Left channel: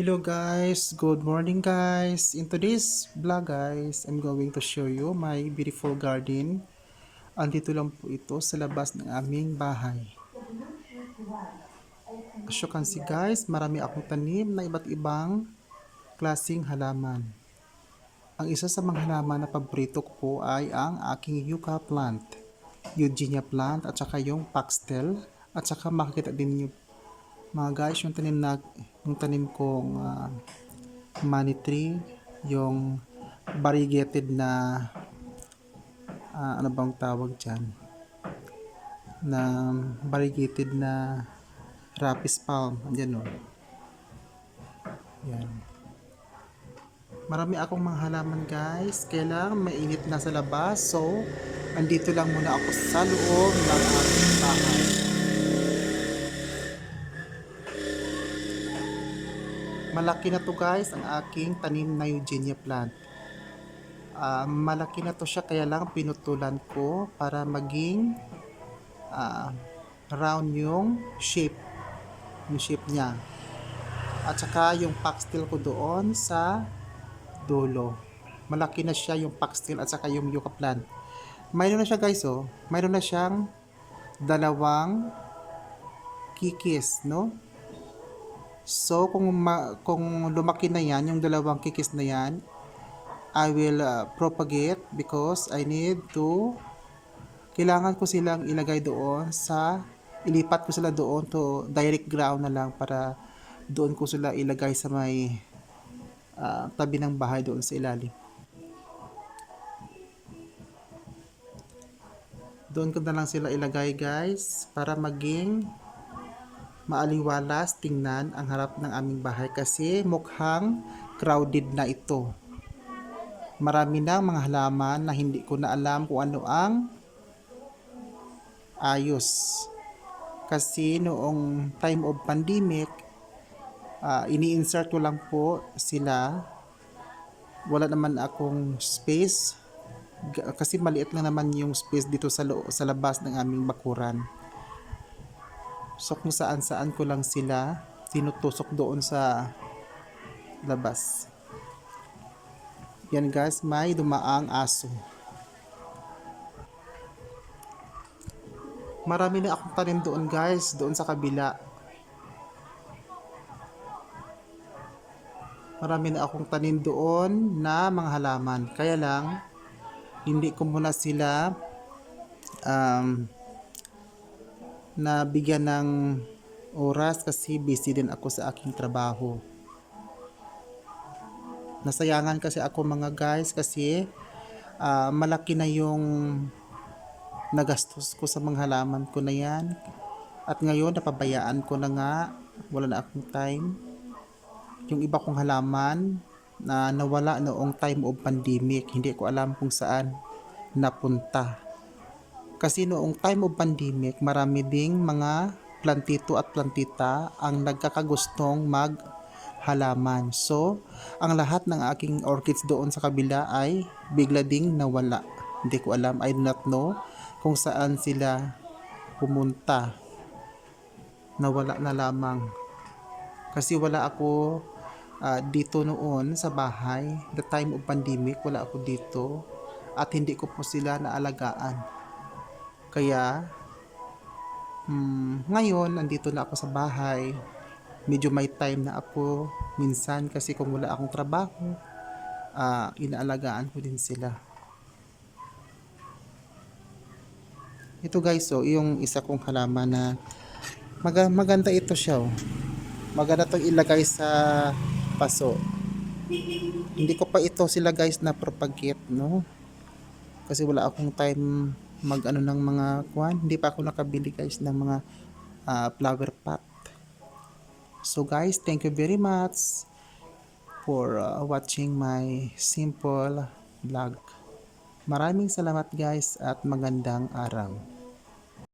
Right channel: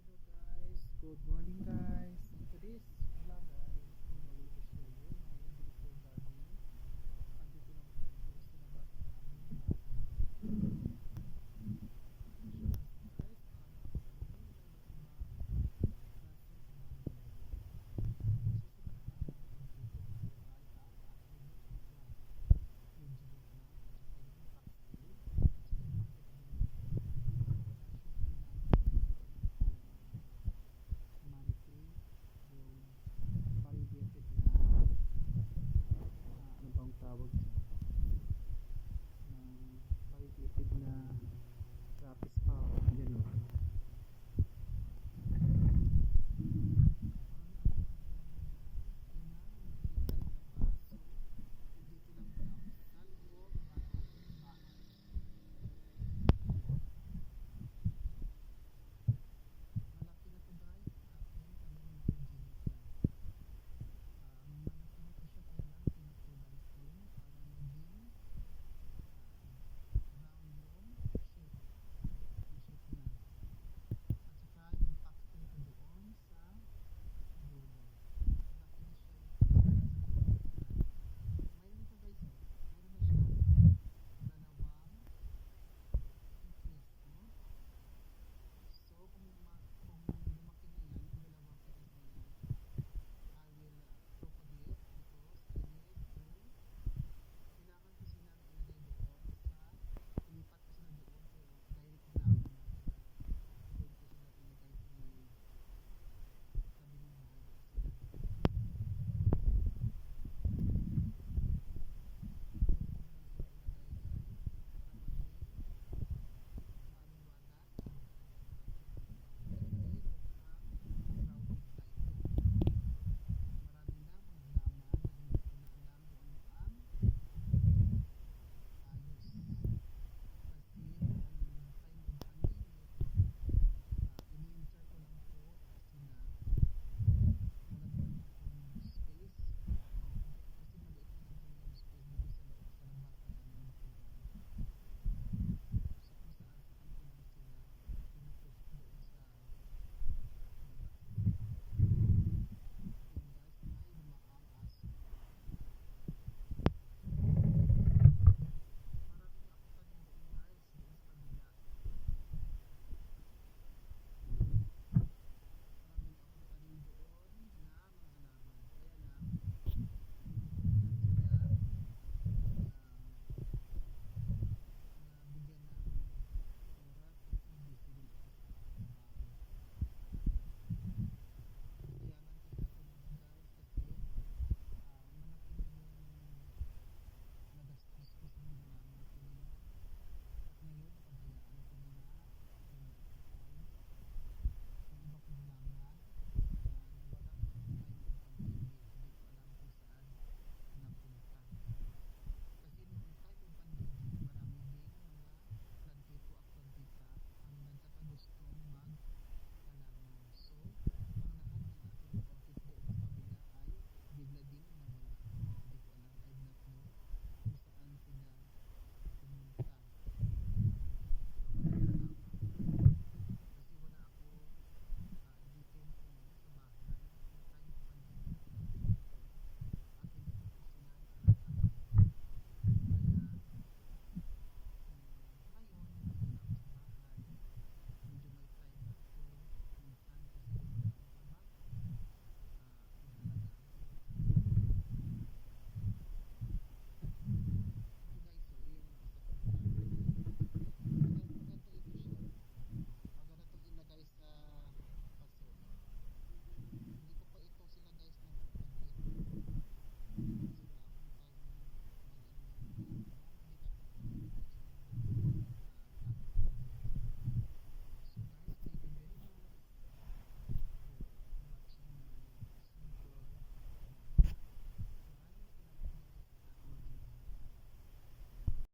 Hello guys, good morning guys. In today's vlog guys, I'm going to show you my beautiful garden. Andito lang po ito sa labas ng aming bahay. As you can see guys, marami akong tanim na iba't ibang klaseng halaman. Ang isa sa mga halaman na paborito ko po ay ang aking yucca plant, eugenia plant at saka yung foxtail at saka makikita din niyo mga guys yung tanim kong money tree, yung variegated na ano bang tawag dyan, na variegated na rapis palm. Yan o. Yan. Marami akong mga halaman guys. Kailang mainit na sa labas. So, andito lang muna ako sa loob ng aking bahay. Malaki na to guys ang aking tanim na eugenia plant. Malaki na to siya kaya lang pinutulan ko para maging round yung shape niya. At saka yung foxtail ko doon sa dulo. Malaki na siya yung foxtail at saka yung yucca plant. Mayroon na siya guys oh. Mayroon na siyang dalawang kikis, no? So kung lumaki na yan, yung dalawang kikis na yan, I will propagate because I need to, kailangan ko silang ilagay doon ilipat ko sila doon to direct ground na lang para doon ko sila ilagay sa may tabi ng bahay doon sa ilalim. Doon ko na lang sila ilagay guys para maging maaliwalas tingnan ang harap ng aming bahay kasi mukhang crowded na ito. Marami na mga halaman na hindi ko na alam kung ano ang ayos. Kasi noong time of pandemic, ini-insert ko lang po sila. Wala naman akong space kasi maliit lang naman yung space dito sa labas ng aming bakuran. So kung saan ko lang sila tinutusok doon sa labas. Yan guys, may dumaang aso. Marami na akong tanim doon guys, doon sa kabila. Marami na akong tanim doon na mga halaman. Kaya lang, hindi ko muna sila na bigyan ng oras kasi busy din ako sa aking trabaho. Nasayangan kasi ako mga guys kasi malaki na yung nagastos ko sa mga halaman ko na yan. At ngayon napabayaan ko na nga, wala na akong time. Yung iba kong halaman na nawala noong time of pandemic, hindi ko alam kung saan napunta. Kasi noong time of pandemic, marami ding mga plantito at plantita ang nagkakagustong maghalaman. So, ang lahat ng aking orchids doon sa kabila ay bigla ding nawala. Hindi ko alam, I do not know kung saan sila pumunta. Nawala na lamang. Kasi wala ako dito noon sa bahay. The time of pandemic, wala ako dito. At hindi ko po sila naalagaan. Kaya ngayon nandito na ako sa bahay, medyo may time na ako minsan kasi kung wala akong trabaho, inaalagaan ko din sila. Ito guys, so yung isa kong halaman na maganda ito siya oh. Maganda itong ilagay sa paso. Hindi ko pa ito sila guys na propagate, no? Kasi wala akong time mag-ano ng mga kwan. Hindi pa ako nakabili guys ng mga flower pot. So guys, thank you very much for watching my simple vlog. Maraming salamat guys at magandang araw.